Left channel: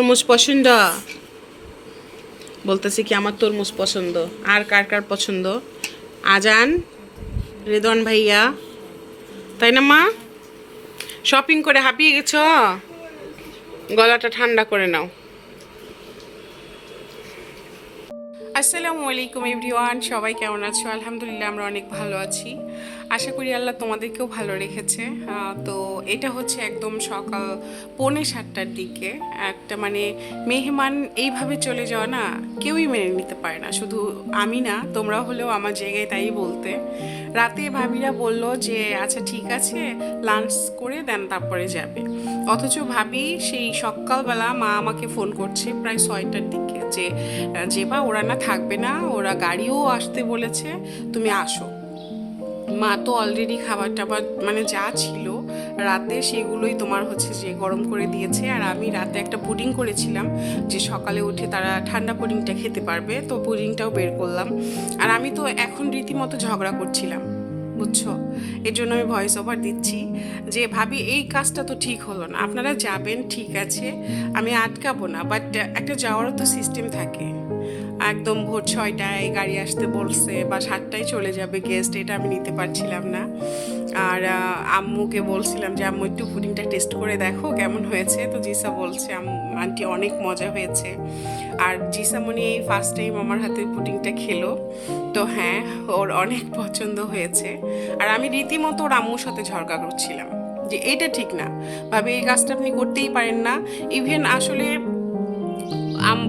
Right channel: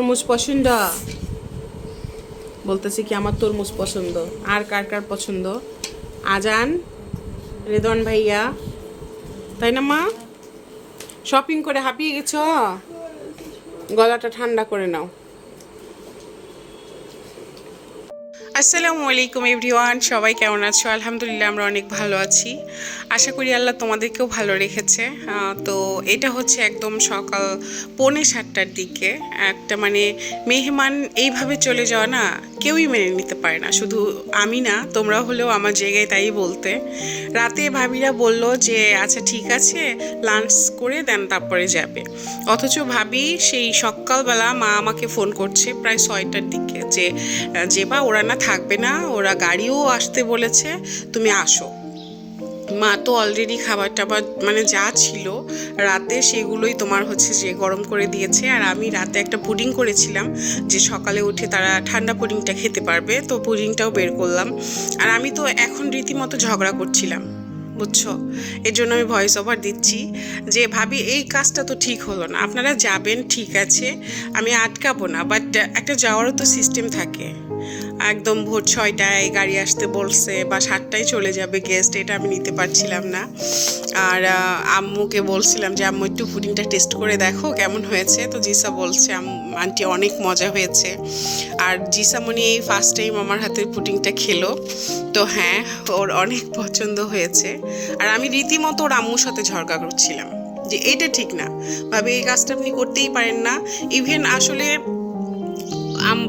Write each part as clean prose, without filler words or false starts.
তরমুজ পছন্দ? বলতেছি কি আমার তরমুজ পছন্দ। আর কার কার পছন্দ? আজান, রেদন ভাইয়া, তাই না মা? শপিং করে হাঁপিয়ে গেছ, গলাটা ঠান্ডা করে নাও। আসসালামু আলাইকুম এভরিওয়ান, সবাই কেমন আছো? আলহামদুলিল্লাহ আমরা অনেক ভালো আছি। আশা করি আল্লাহ তোমাদেরকেও ভালো রেখেছে। তো এটা হচ্ছে একদম সকাল 6:45টার দিকে। একটা মানে মেহমান এইভাবে চলে যাওয়া না কেউই মেনে নিতে পারে না, শুধু আমি না, তোমরা হলেও আমার জায়গায় তাই বলতে। রাতে ভাবিরা বলল যে আচ্ছা ঠিক আছে লাঞ্চ করে দেন তারপরে যাবে, অথচ ভাবি সেই সকালবেলা মা আমাকে ফোন করছে প্রায় 6টার দিকে যে বা ওরা না থাকবে না, ওরা গাড়িও আসতে বলেছে, তুমি আসো। মা তো অলরেডি খাবার টাবার মানে যা ছিল রাতে সেগুলোই তোমার হচ্ছে যে গরম করে দিয়েছে। আর আমি রাতে একটা পুডিং করেছিলাম যে সকালে উঠে তারা ঠান্ডা পুডিংটা খেতে পারবে, তো পুডিংটাও বের করলাম। আর আমি তো এখন রীতিমতো ঝগড়া করছিলাম, বুঝছো? এর জন্য আমি ভয়েস ওভার দিচ্ছি যে ভাবি এই কাজটা তো ঠিক হলো না। আপনারা যাবেন ঠিক আছে, আমি আটকাবো না, বাট একটা যাওয়ারও তো সিস্টেম থাকে। একদম ভোর 6টায় গাড়ি আসতে বলছে বা 7টায় চলে যাবে গেস্ট, এটা আমি নিতে পারছিলাম না। আর আম্মুকে বলছিলাম যে আম্মু একটু পুডিংটা টেস্ট করে দেখো কেমন হয়েছে, তো জিসা বলছে আন্টি অনেক মজা হয়েছে। আর জিসামণি এই ফার্স্ট টাইম আমার হাতের পুডিংটা খেলো, তো হ্যাঁ ওর অনেক পছন্দ হয়েছে। আর আমি রীতিমতো ওর আম্মুর সাথে ঝগড়া করছিলাম যে এটা ঠিক না ভাবে, এই কাজটা আপনি করতেই পারেন না। ইভেন আসলে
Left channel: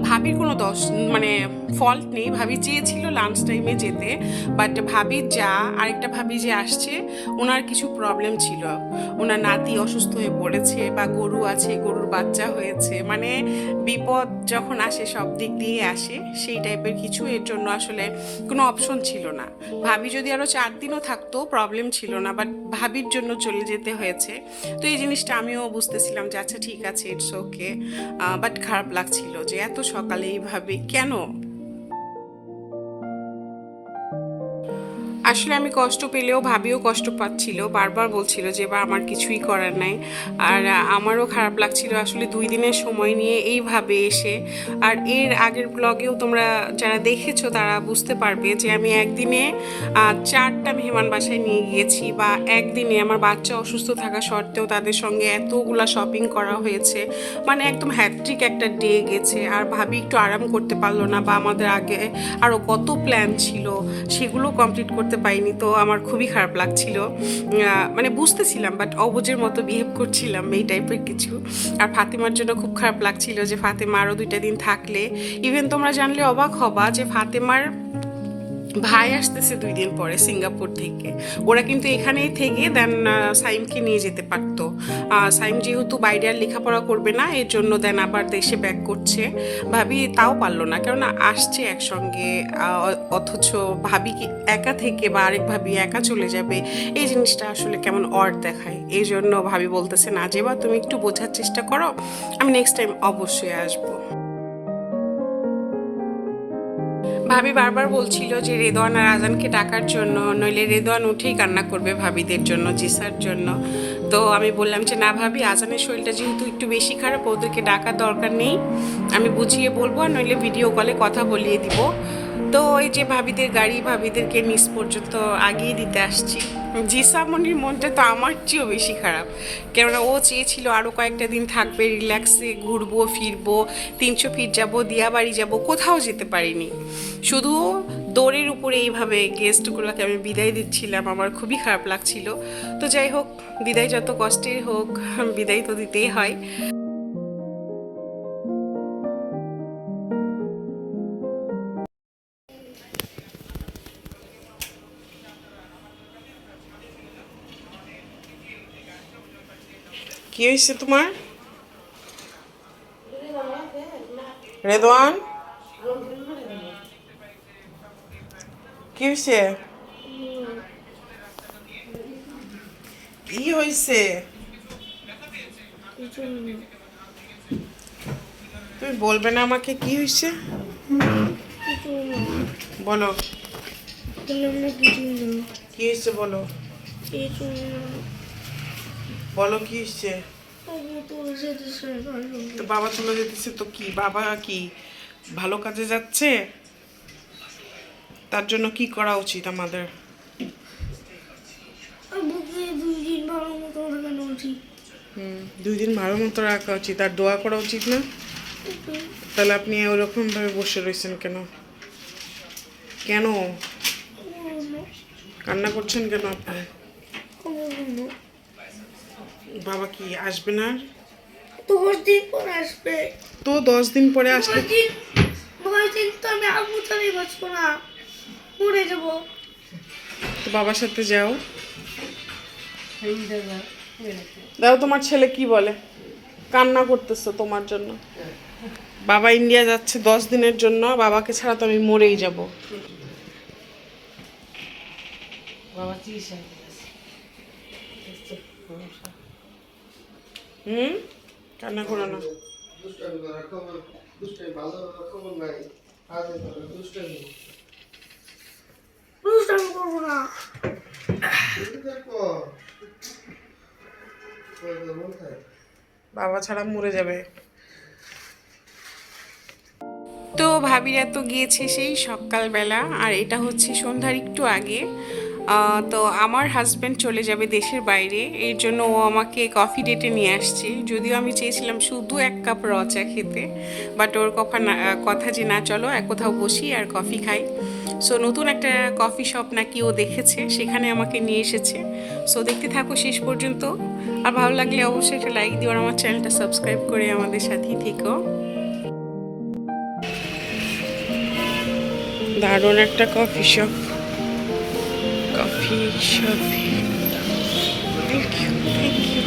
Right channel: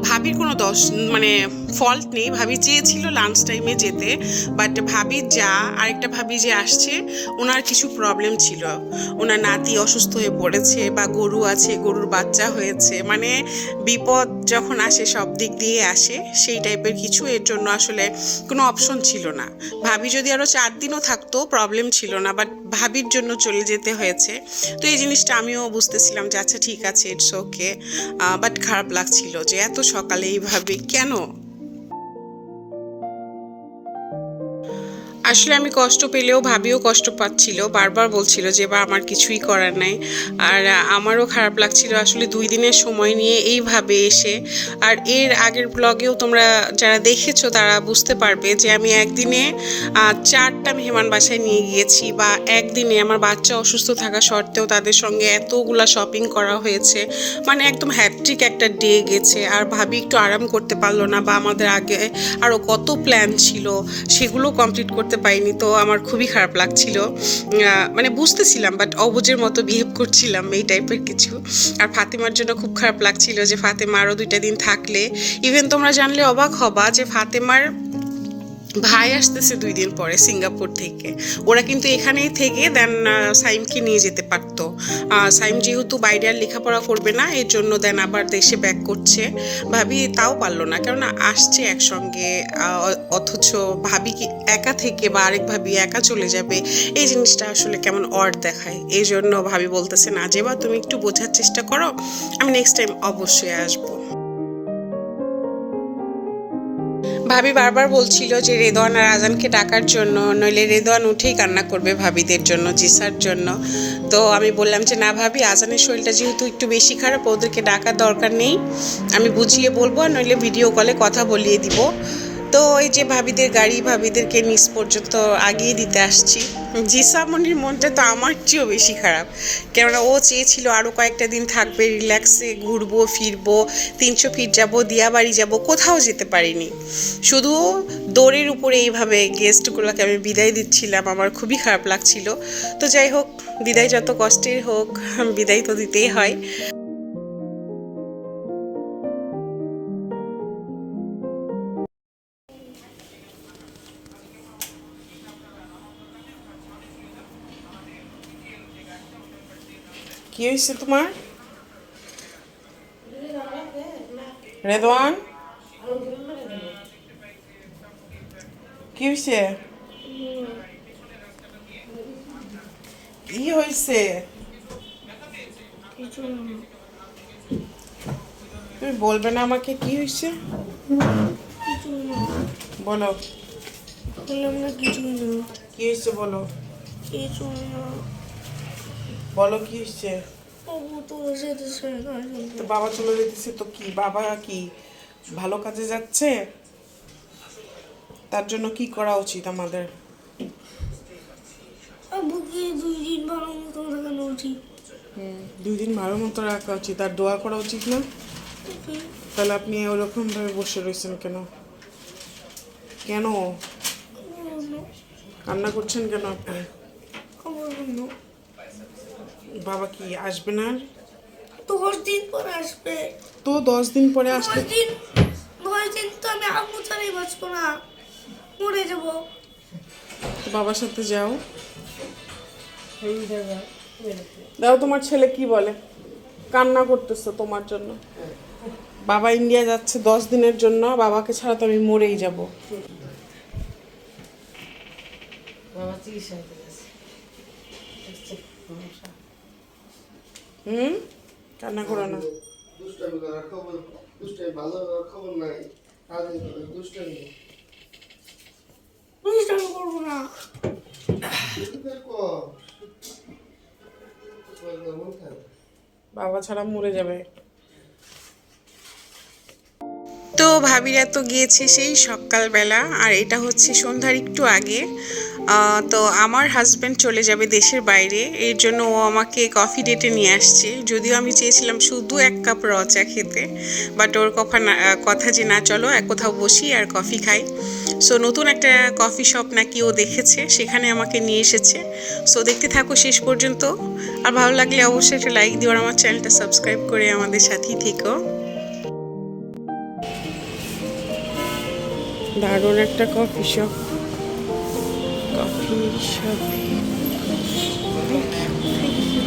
ভাবির কোনো দোষ মানে ফল্ট নেই, ভাবি চেয়েছিল লাঞ্চ টাইমে যেতে, বাট ভাবি আরেকটা ভাবি যে আসছে ওনার কিছু প্রবলেম ছিল, ওনার নাতি অসুস্থ হয়ে পড়েছে বা গরু আছে, গরুর বাচ্চা হয়েছে, মানে বিপদ যখন আসে সব দিক দিয়ে আসে সেই টাইপের কিছু, এর জন্য আসলে কোনো অপশন ছিল না। ভাবি যদি আরও 4 দিনও থাকতো প্রবলেম ছিল না, বাট ভাবির জন্য চলে যেতে হয়েছে। তো এই জিনিসটা আমিও বুঝতেছিলাম যে আচ্ছা ঠিক আছে ইটস ওকে, বাট খারাপ লাগছিল যে এত সকালে এইভাবে কেন। আসলে আমি কষ্ট পেলেও ভাবিও কষ্ট পাচ্ছিল, বারবার বলছিল যে বা আমার কিছুই করার নাই। আর আমারও খারাপ লাগছিল আসলে 2 দিনের সময় নিয়ে এইভাবে এসে। আর এর আগের ব্লগেও তোমরা যারা দেখেছো তারা বুঝতে পারবে যে আমি একদিনে 4টা মেহমান বাসায় নিয়ে গিয়েছি, বা একদিনে আমার বাচ্চা অসুস্থ থাকা সত্ত্বেও তাদের সঙ্গে এতগুলা শপিং করা হয়েছে, মানে একদম হ্যাট্রিক একটা ডে গেছে। আর ভাবি একটু আরাম করতে পারলো না, বা আমাদের আগে আরও কত প্ল্যান ছিল সেগুলো কমপ্লিট করতে পাইনি, তো আমার খুবই খারাপ লাগছিল। মানে বুঝতেছিলাম বাট অবুঝের মতো বিহেভ করছিলাম এই টাইপের কিছু। আর ফাতেমার জন্য খুব খারাপ লাগছিল যে ফাতেমা আরও 2টা দিন থাকলে, ইভেন তোমরা জানলে অবাক হবা যে ফাতেমার ভাই আসতেছে 2 দিন পরে সিঙ্গাপুর থেকে। ওরা কিন্তু এখানেই থেকে দেন সাইমকে নিয়ে যেতে পারতো। সাইম যেহেতু বাইরে আর লেখাপড়া করবে না, এর জন্য দেন আবার দেশে ব্যাক করছে। ভাবি তাও পারলো না, কেননা আসছে একসঙ্গে, অথচ ভাবি কি একা থেকে বা আরেক ভাবি একা চলে যাবে, এই জিনিসটা আসলে কেমন অড দেখায়। এই জন্য ভাবি বলতেছে না যে বা তুমি একটু বোঝার চেষ্টা করো, আমি নেক্সট টাইম অবশ্যই আসবো। ভাবি বারবার বলছিল যে রেদওয়ান আর আজানকে ডাকার জন্য, নইলে রেদওয়ান উঠেই কান্না করবে ভাবিদের জন্য, জিসার জন্য। তো আমি বললাম যে না ভাবি, আজানের শরীরটা যেহেতু একটু বেশি খারাপ, ওদেরকে ডাকার দরকার নেই, আমি বুঝিয়ে বলবো, আর নইলে ভিডিও কলে কথা বলিয়ে দিব। তো এই যে ভাবিদের গাড়ি ভাবিদেরকে নিচ পর্যন্ত আগিয়ে দিতে আসছি। জিসামনির মনটা তো আমার চেয়েও বেশি খারাপ, কেননা ও চেয়েছিল আরও কয়েকটা দিন থাকবে, রিল্যাক্সে ঘুরবো ফিরবো, 300 ফিট যাবো, দিয়াবাড়ি যাবো, কোথাও যেতে পারিনি। শুধু দৌড়ের উপরে এইভাবে গেস্টগুলোকে আমি বিদায় দিচ্ছিলাম, আমার খুবই খারাপ লাগছিল। তো যাই হোক, বিদায় যত কষ্টের হোক, বিদায় তো দিতেই হয়। কি হয়েছে তোমার রেদওয়ান? কি হয়েছে? কি হয়েছে তুমি বলবে না আমাকে কি হয়েছে? বলো কি হয়েছে, বলো বলো কি হয়েছে? তো বাবা চলে যেতেছে তো কি, বাবা কি ভালো কাজে যাচ্ছে? তার জন্য কি করা উচিত আমাদের? 2 দিন ভালো মতো রাখা উচিত, আর দোয়া করা উচিত না? তাহলে আপনি ওরকম ভাবে বসে রয়েছেন কেন? কেন কান্না করছেন কেন আপনি? বাবা কি আসবে না? 10 দিন পরে আসবে। তো 10 দিন পরে আসলে 9 দিন তো আমি আম্মু ছাড়াই বাঁচবো না, মরে যাবো। তো বাবার সাথে যাও। দাও, তোমার ছেলে কি বলে? কান্না করতেছো তোমার জন্য। বাবা ইন্ডিয়া যাচ্ছে 10 দিনের জন্য, বাবাকে ছাড়া তো আমি মরেই যাব। কান্না করো না। দুষ্টামি করবো না। বাবা ছাড়া মরে যাবে। তো ভাবিরা তো গিয়েছে সেই সকালবেলা, আর এটা হচ্ছে সন্ধ্যার একটু আগে। তো আমার হাজব্যান্ড চলে যাবে দেশের বাইরে, এর জন্য ও আমাকে কফি ডেটে নিয়ে আসছে। যদিও আমি চেয়েছিলাম শুধু 1 কাপ র চা খেতে, বাট ওর কথা যে না, চলো এক কোথাও বসি আর কফি খাই। সো নতুন একটা কফি শপ নাকি ও দেখেছে, সেখানে আমাকে নিয়ে এসেছে। সো দেখতে থাকো শেষ পর্যন্ত, আর ভালো লাগলে অবশ্যই একটা লাইক দিও আর আমার চ্যানেলটা সাবস্ক্রাইব করে আমাদের সাথেই থেকো। দারুণ একটা কফি শপ। Thank you.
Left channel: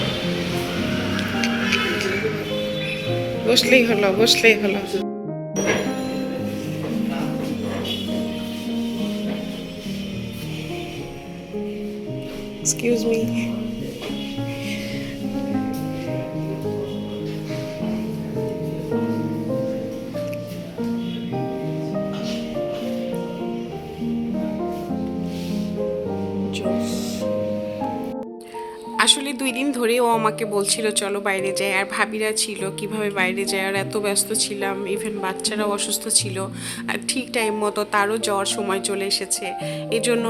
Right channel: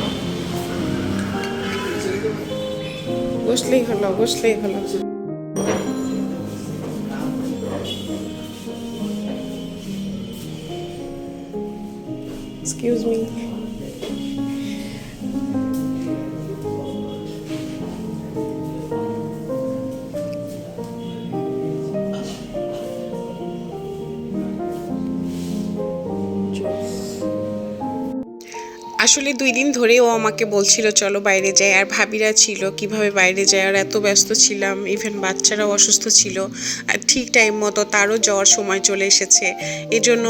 বসলেই হলো। Excuse me. আসলে 2 দিন ধরে ও আমাকে বলছিল চলো বাইরে যাই, আর ভাবিরা ছিল কিভাবে বাইরে যায়, আর এত ব্যস্ত ছিলাম, ইভেন বাচ্চারাও অসুস্থ ছিল, আর ঠিক টাইম মতো তারও যাওয়ার সময় চলে এসেছে। এজন্য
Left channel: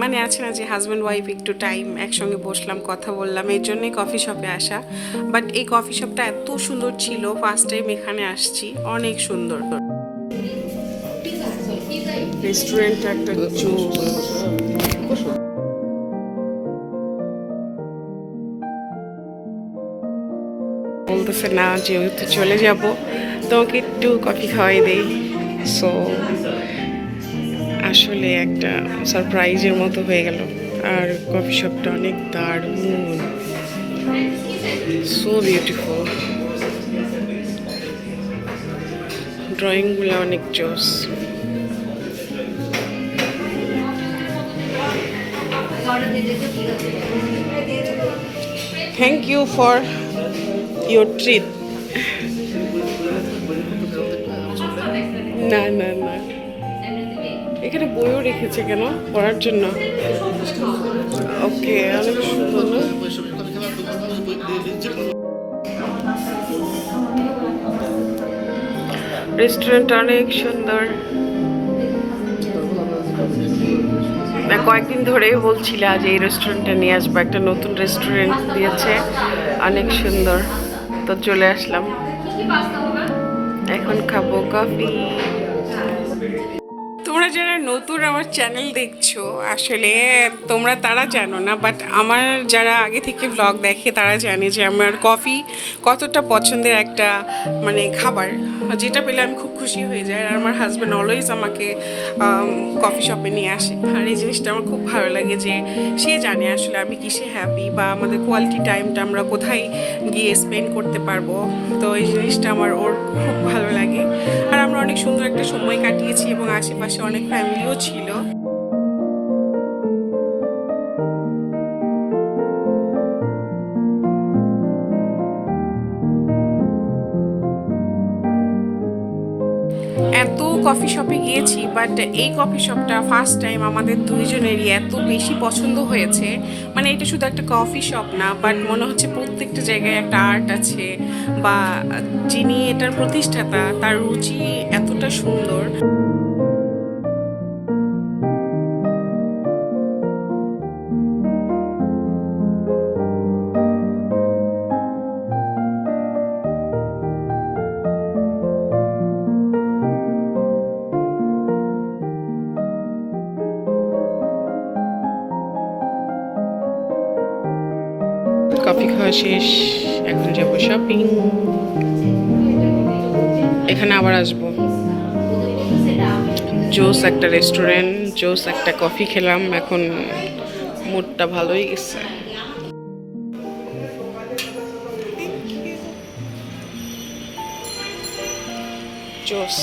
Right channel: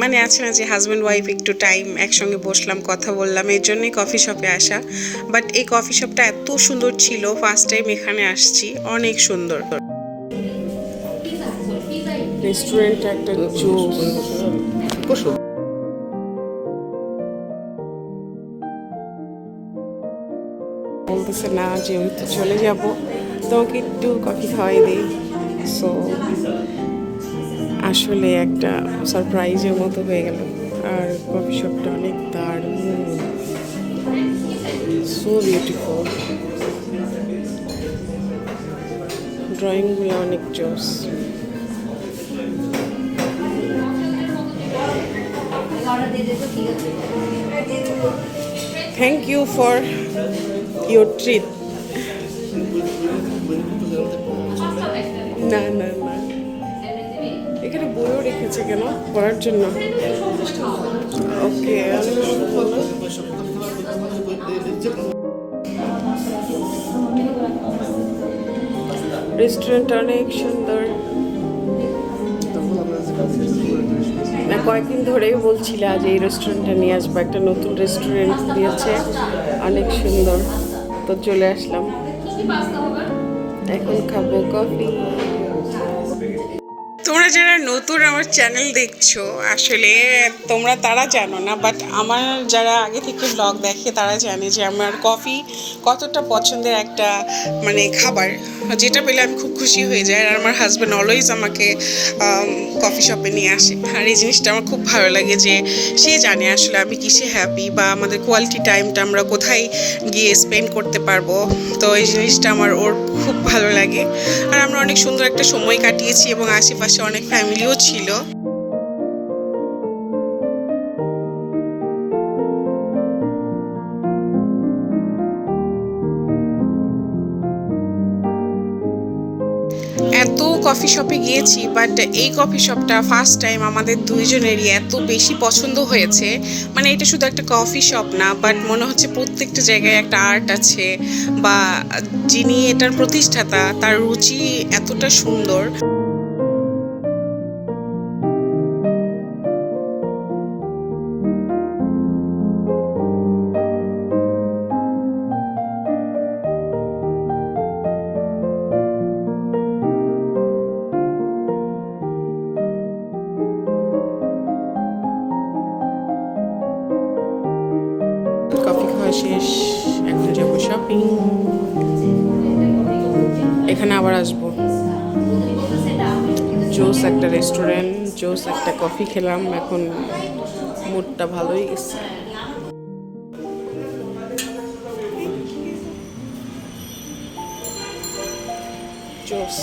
মানে আছে না যে হাজব্যান্ড ওয়াইফ একটু টাইম একসঙ্গে বসলাম, কথা বললাম, এর জন্যই কফি শপে আসা। বাট এই কফি শপটা এত সুন্দর ছিল, ফার্স্ট টাইম এখানে আসছি, অনেক সুন্দর। রেস্টুরেন্ট একটা জোস। বলতেছে না, যেহেতু চলে যাব তোমাকে একটু কফি খাওয়াই দেই। সো আসলে একটা সারপ্রাইজের মতো হয়ে গেল। আর কফি শপটা অনেক দারুণ, সো বিউটিফুল, ড্রয়িংগুলো অনেক জোস। Thank you for your treat. না, এখানে বইও রেখেছে কেন? পড়ার জন্য। ওকে, রেস্টুরেন্ট অনেক সুন্দর। না, কয়েকদিন ধরেই বলছিল যে এই রেস্টুরেন্টে নিয়ে আসবো, একটা নতুন রেস্টুরেন্ট দিয়েছে, অনেক সুন্দর। তো চলে আসলাম, এখন খাবো কফি। তোমরা যারা নতুন আমার চ্যানেল দেখছো, আসলে তোমরা তারা জানো না, বাট আমার যারা আগে থেকে ব্লগ দেখে তারা জানে যে আমার কফি কতটা পছন্দের একটা মানে খাবার, যেটা পেলে আমি খুব খুশি হয়ে যাই। আর আমার হাজব্যান্ড অলওয়েজ আমাকে কফি শপে নিয়ে আসে, আর এই জিনিসটা আমার খুব ভালো লাগে যে সে জানে আসলে আমি কিসে হ্যাপি, বা আমাদের কোয়ালিটি টাইমটা আমরা কোথায় গিয়ে স্পেন্ড করতে পারবো। তো এই জিনিসটা আমার ওর খুব ভালো লাগে, আর আমরা অনেক সুন্দর একটা সময় কাটিয়েছি, এবং আশেপাশে অনেক ফ্যামিলিও ছিল। এত কফি শপে গিয়েছি, বাট এই কফি শপটা ফার্স্ট টাইম আমাদের দুইজনেরই এত বেশি পছন্দ হয়েছে। মানে এটা শুধু একটা কফি শপ না, বাট মনে হচ্ছে প্রত্যেকটা জায়গায় একটা আর্ট আছে, বা যিনি এটার প্রতিষ্ঠাতা তার রুচি এতটা সুন্দর। কফি খাওয়া শেষ, এখন যাবো শপিং। এখানে আবার আসবো। জোস একটা রেস্টুরেন্ট, জোস একটা কফি খেলাম, এখন মুডটা ভালোই গেছে। জোস।